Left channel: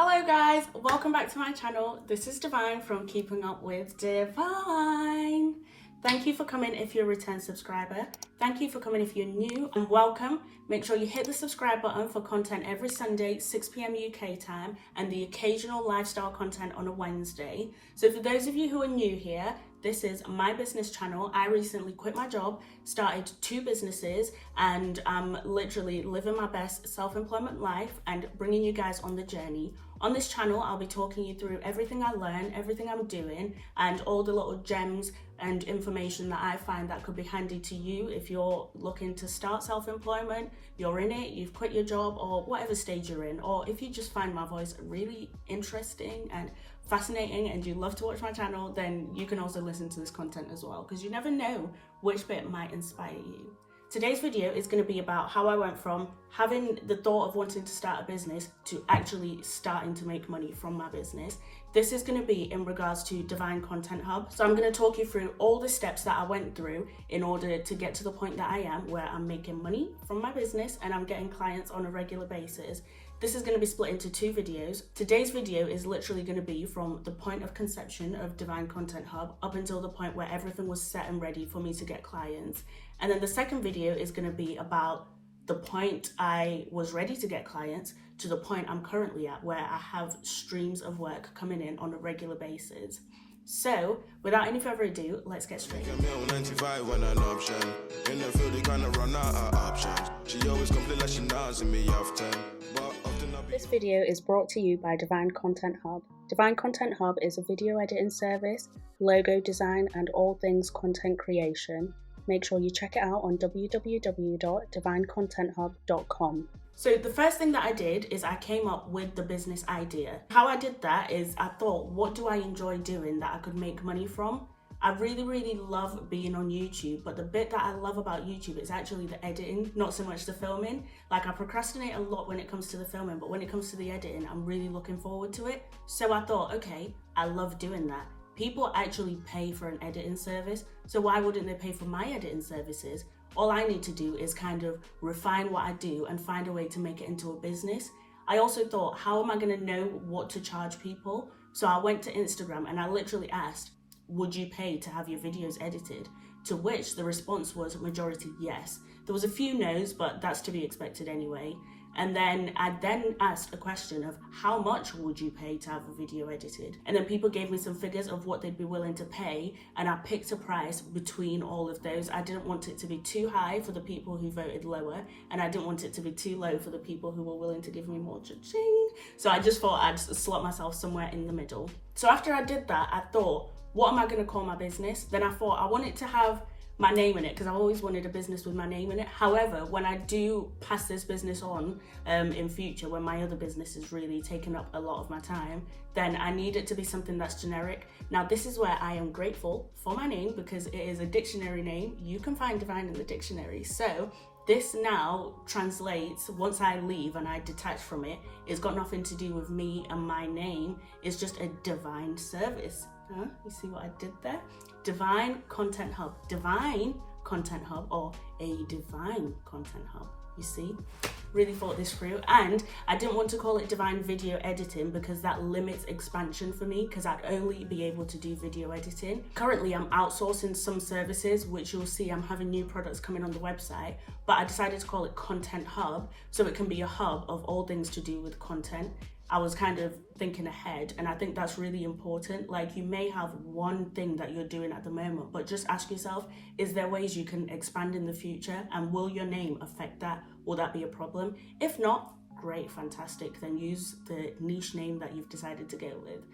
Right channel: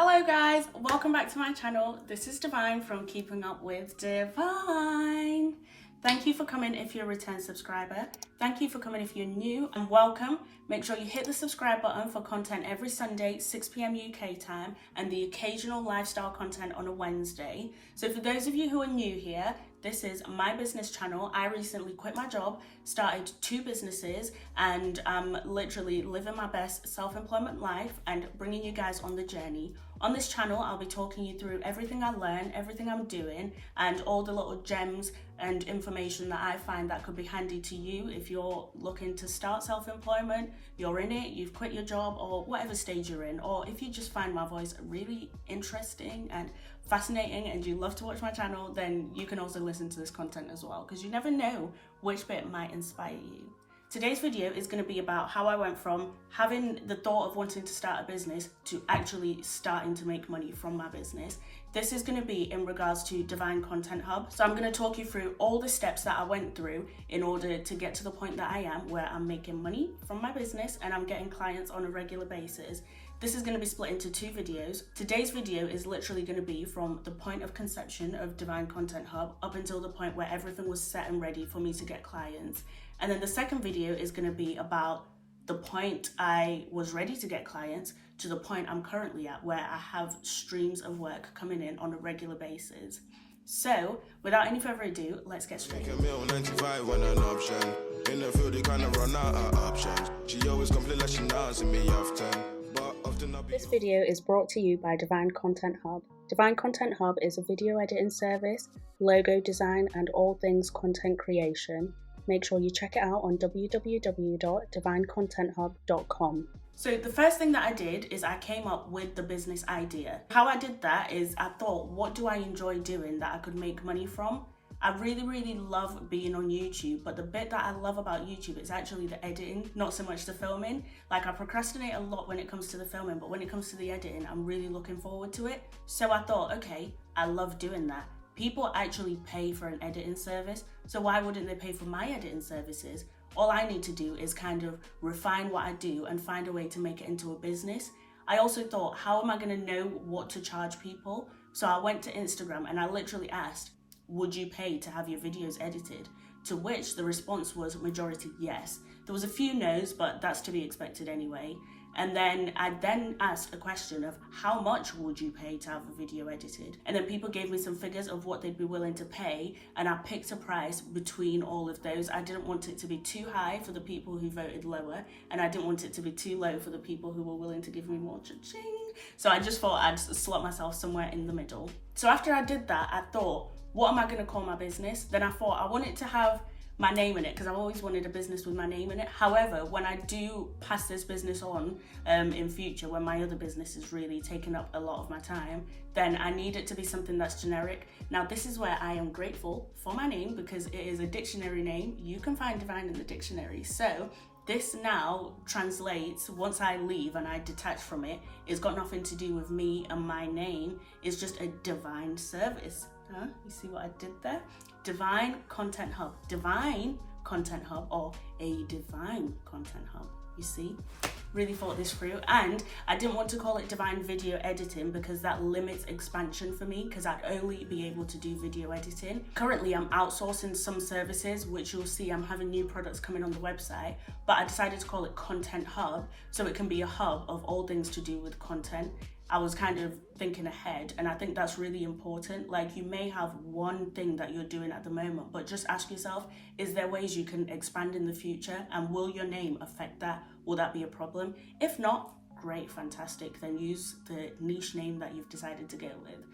Hello guys, welcome back to my channel. This is Divine from Keeping Up with Divine. Thank you for coming if you're a return subscriber. Thank you for coming if you're new, and welcome. Make sure you hit the subscribe button for content every Sunday, 6 p.m. UK time, and the occasional lifestyle content on a Wednesday. So for those of you who are new here, this is my business channel. I recently quit my job, started 2 businesses, and I'm literally living my best self-employment life and bringing you guys on the journey. On this channel, I'll be talking you through everything I learn, everything I'm doing, and all the little gems and information that I find that could be handy to you if you're looking to start self-employment, you're in it, you've quit your job, or whatever stage you're in, or if you just find my voice really interesting and fascinating and you love to watch my channel, then you can also listen to this content as well, because you never know which bit might inspire you. Today's video is going to be about how I went from having the thought of wanting to start a business to actually starting to make money from my business. This is going to be in regards to Divine Content Hub. So I'm going to talk you through all the steps that I went through in order to get to the point that I am, where I'm making money from my business and I'm getting clients on a regular basis. This is going to be split into 2 videos. Today's video is literally going to be from the point of conception of Divine Content Hub up until the point where everything was set and ready for me to get clients. And then the second video is going to be about the point I was ready to get clients to the point I'm currently at, where I have streams of work coming in on a regular basis. So, without any further ado, let's get straight. In the field, they kind of run out of options. She always complain like she knows me often. This video is brought to you by Divine Content Hub. Divine Content Hub is a video editing service, logo design, and all things content creation. Make sure you check it out on www.divinecontenthub.com. So the first thing that I did is I came up with the business idea. How I did that is I thought, what do I enjoy doing that I could make money from? I really love being on YouTube, but the bit that I love about YouTube is actually the editing, not so much the filming. Like, I procrastinate a lot when it comes to the filming, but when it comes to the editing, I'm really looking forward to it. So I thought, okay, I love doing that. People actually pay for an editing service, so why wouldn't they pay for my editing services? All I need to do is kind of refine what I do and find a way to make it into a business. I also thought, how am I going to know what to charge people? So I went to Instagram and I literally asked, would you pay to have your videos edited? To which the response was majority yes. There was a few no's, but that's to be expected anyway. And then I asked a question of how much would you pay to have a video edited? And then people gave me some figures of what they'd be willing to pay, and I picked a price between all of those. I didn't want it to be too high for the people who voted lower, and I didn't want it to be too low for the people who were willing to give me more cha-ching. So I just thought I'd slot myself somewhere in the middle. So after I did that, I thought, what am I going to call my business? Then I thought I wanted to have my name in it, because I've always wanted a business with my name in it. However, when I do pass this business on in future, when my other business is really taking up a lot of my time, then I need it to be something that's generic. Now, this is where I am grateful for my name, because it is a dictionary name. You can find Divine in the dictionary. So this now translates, once I leave and I detach from it, it's got nothing to do with me and my name. It's just a divine service. Huh? You see what I did there? Divine Content Hub. Divine Content Hub, or a Divine Content Hub. You see? Really thought this through. And I didn't want to call it Divine Video Editing, because that limits expansion for me, because I'd only be able to do video editing. Currently, I'm outsourcing some services, which you'll see I'm having new products coming on the website, but I decided to call it Content Hub, so it can be a hub of all things to do with content. I was kind of thinking ahead, and I think that's really important. Like, you may have one thing that you're doing at the moment, but just ask yourself, is there ways you can expand in the future, and will your name affect that? Will that be a problem? If not, great, fantastic, then use the niche name that you've decided to go with.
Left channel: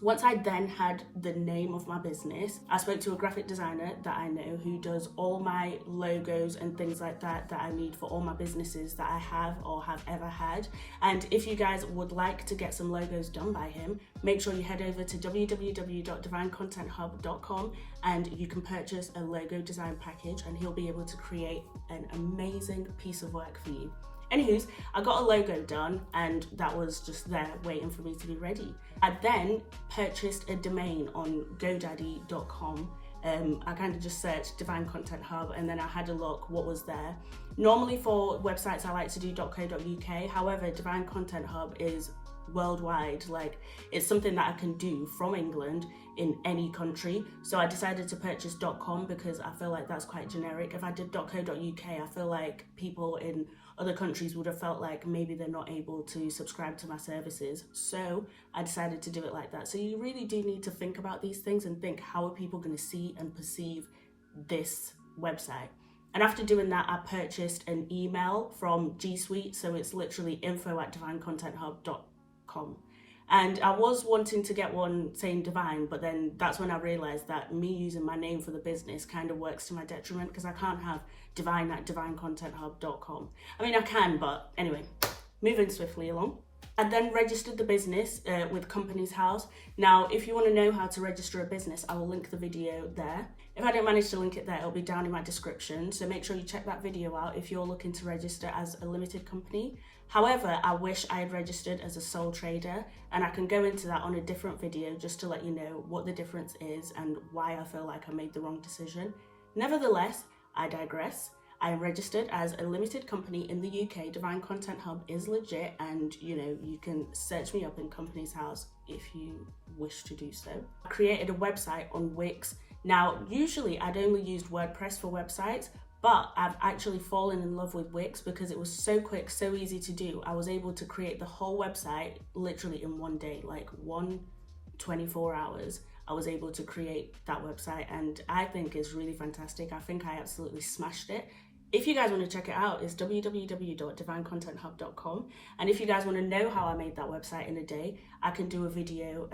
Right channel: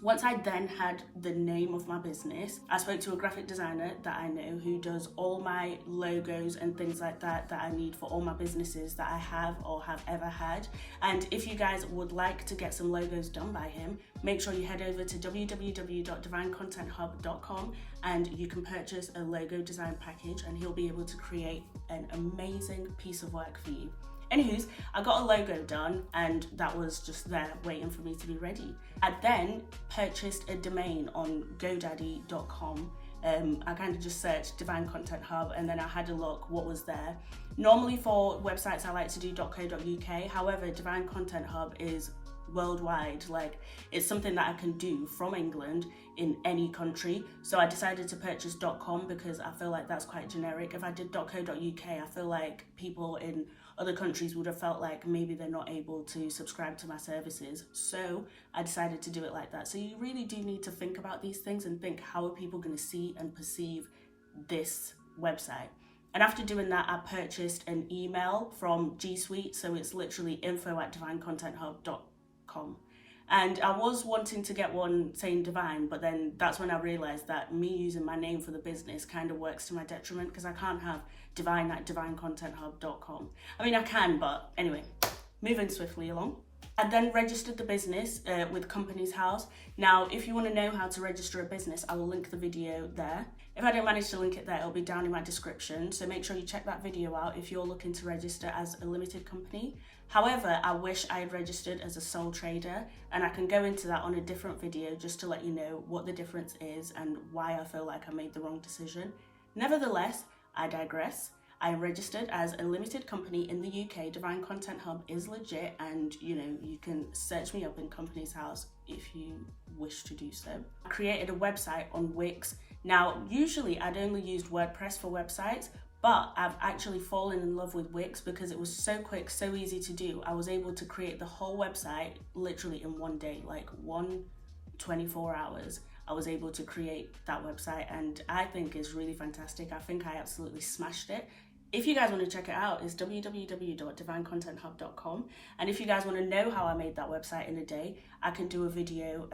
Once I then had the name of my business, I spoke to a graphic designer that I know who does all my logos and things like that I need for all my businesses that I have or have ever had. And if you guys would like to get some logos done by him, make sure you head over to www.divinecontenthub.com and you can purchase a logo design package, and he'll be able to create an amazing piece of work for you. Anywho's, I got a logo done, and that was just there waiting for me to be ready. I then purchased a domain on GoDaddy.com. I kind of just searched Divine Content Hub, and then I had a look what was there. Normally for websites I like to do .co.uk, however, Divine Content Hub is worldwide. Like, it's something that I can do from England in any country. So I decided to purchase .com because I feel like that's quite generic. If I did .co.uk, I feel like people in other countries would have felt like maybe they're not able to subscribe to my services. So I decided to do it like that. So you really do need to think about these things and think, how are people going to see and perceive this website? And after doing that, I purchased an email from G Suite. So it's literally info@divinecontenthub.com. And I was wanting to get one saying Divine, but then that's when I realized that me using my name for the business kind of works to my detriment, because I can't have divine@divinecontenthub.com. I mean, I can, but anyway, moving swiftly along. I then registered the business with Companies House. Now, if you want to know how to register a business, I will link the video there. If I don't manage to link it there, it'll be down in my description. So make sure you check that video out if you're looking to register as a limited company. However, I wish I had registered as a sole trader, and I can go into that on a different video just to let you know what the difference is and why I feel like I made the wrong decision. Nevertheless, I digress. I am registered as a limited company in the UK. Divine Content Hub is legit, and you can search me up in Companies House if you wish to do so. I created a website on Wix. Now, usually I'd only used WordPress for websites, but I've actually fallen in love with Wix because it was so quick, so easy to do. I was able to create the whole website literally in one day, like 24 hours. I was able to create that website, and I think it's really fantastic. I think I absolutely smashed it. If you guys want to check it out, it's www.divinecontenthub.com. And if you guys want to know how I made that website in a day, I can do a video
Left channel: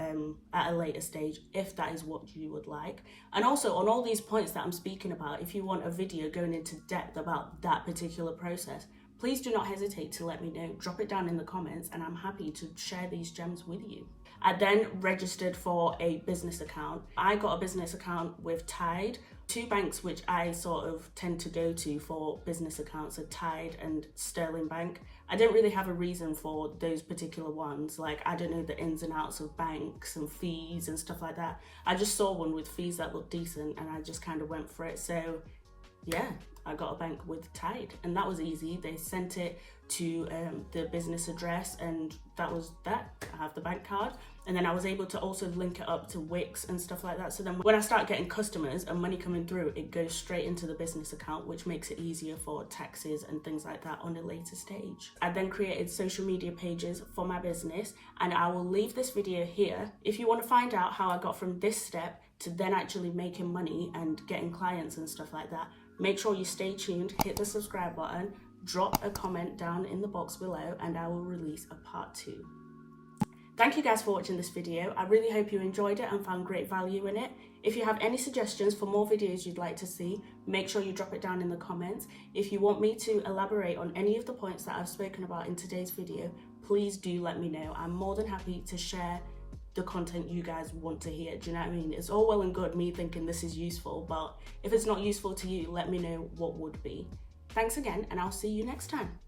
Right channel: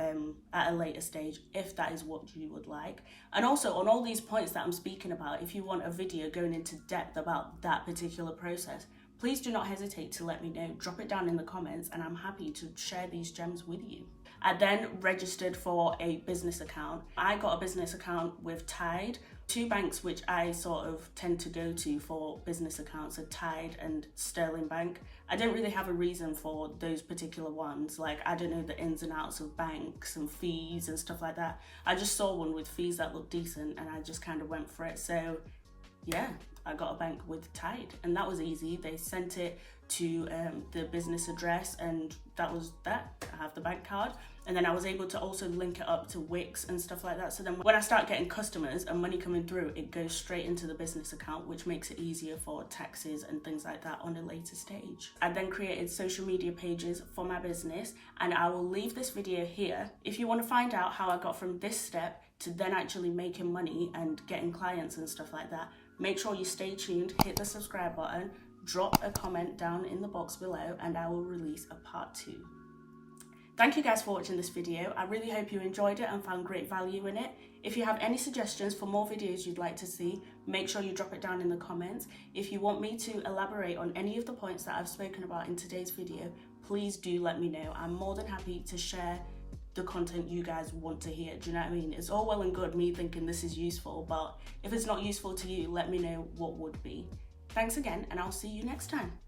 at a later stage if that is what you would like. And also, on all these points that I'm speaking about, if you want a video going into depth about that particular process, please do not hesitate to let me know. Drop it down in the comments, and I'm happy to share these gems with you. I then registered for a business account. I got a business account with Tide. Two banks which I sort of tend to go to for business accounts are Tide and Sterling Bank. I don't really have a reason for those particular ones. Like, I don't know the ins and outs of banks and fees and stuff like that. I just saw one with fees that looked decent, and I just kind of went for it. So yeah, I got a bank with Tide, and that was easy. They sent it to the business address, and that was that. I have the bank card, and then I was able to also link it up to Wix and stuff like that. So then when I start getting customers and money coming through, it goes straight into the business account, which makes it easier for taxes and things like that on a later stage. I then created social media pages for my business, and I will leave this video here. If you want to find out how I got from this step to then actually making money and getting clients and stuff like that, make sure you stay tuned, hit the subscribe button, drop a comment down in the box below, and I will release a part 2. Thank you guys for watching this video. I really hope you enjoyed it and found great value in it. If you have any suggestions for more videos you'd like to see, make sure you drop it down in the comments. If you want me to elaborate on any of the points that I've spoken about in today's video, please do let me know. I'm more than happy to share the content you guys want to hear. Do you know what I mean? It's all well and good me thinking this is useful, but if it's not useful to you, let me know what would be. Thanks again, and I'll see you next time.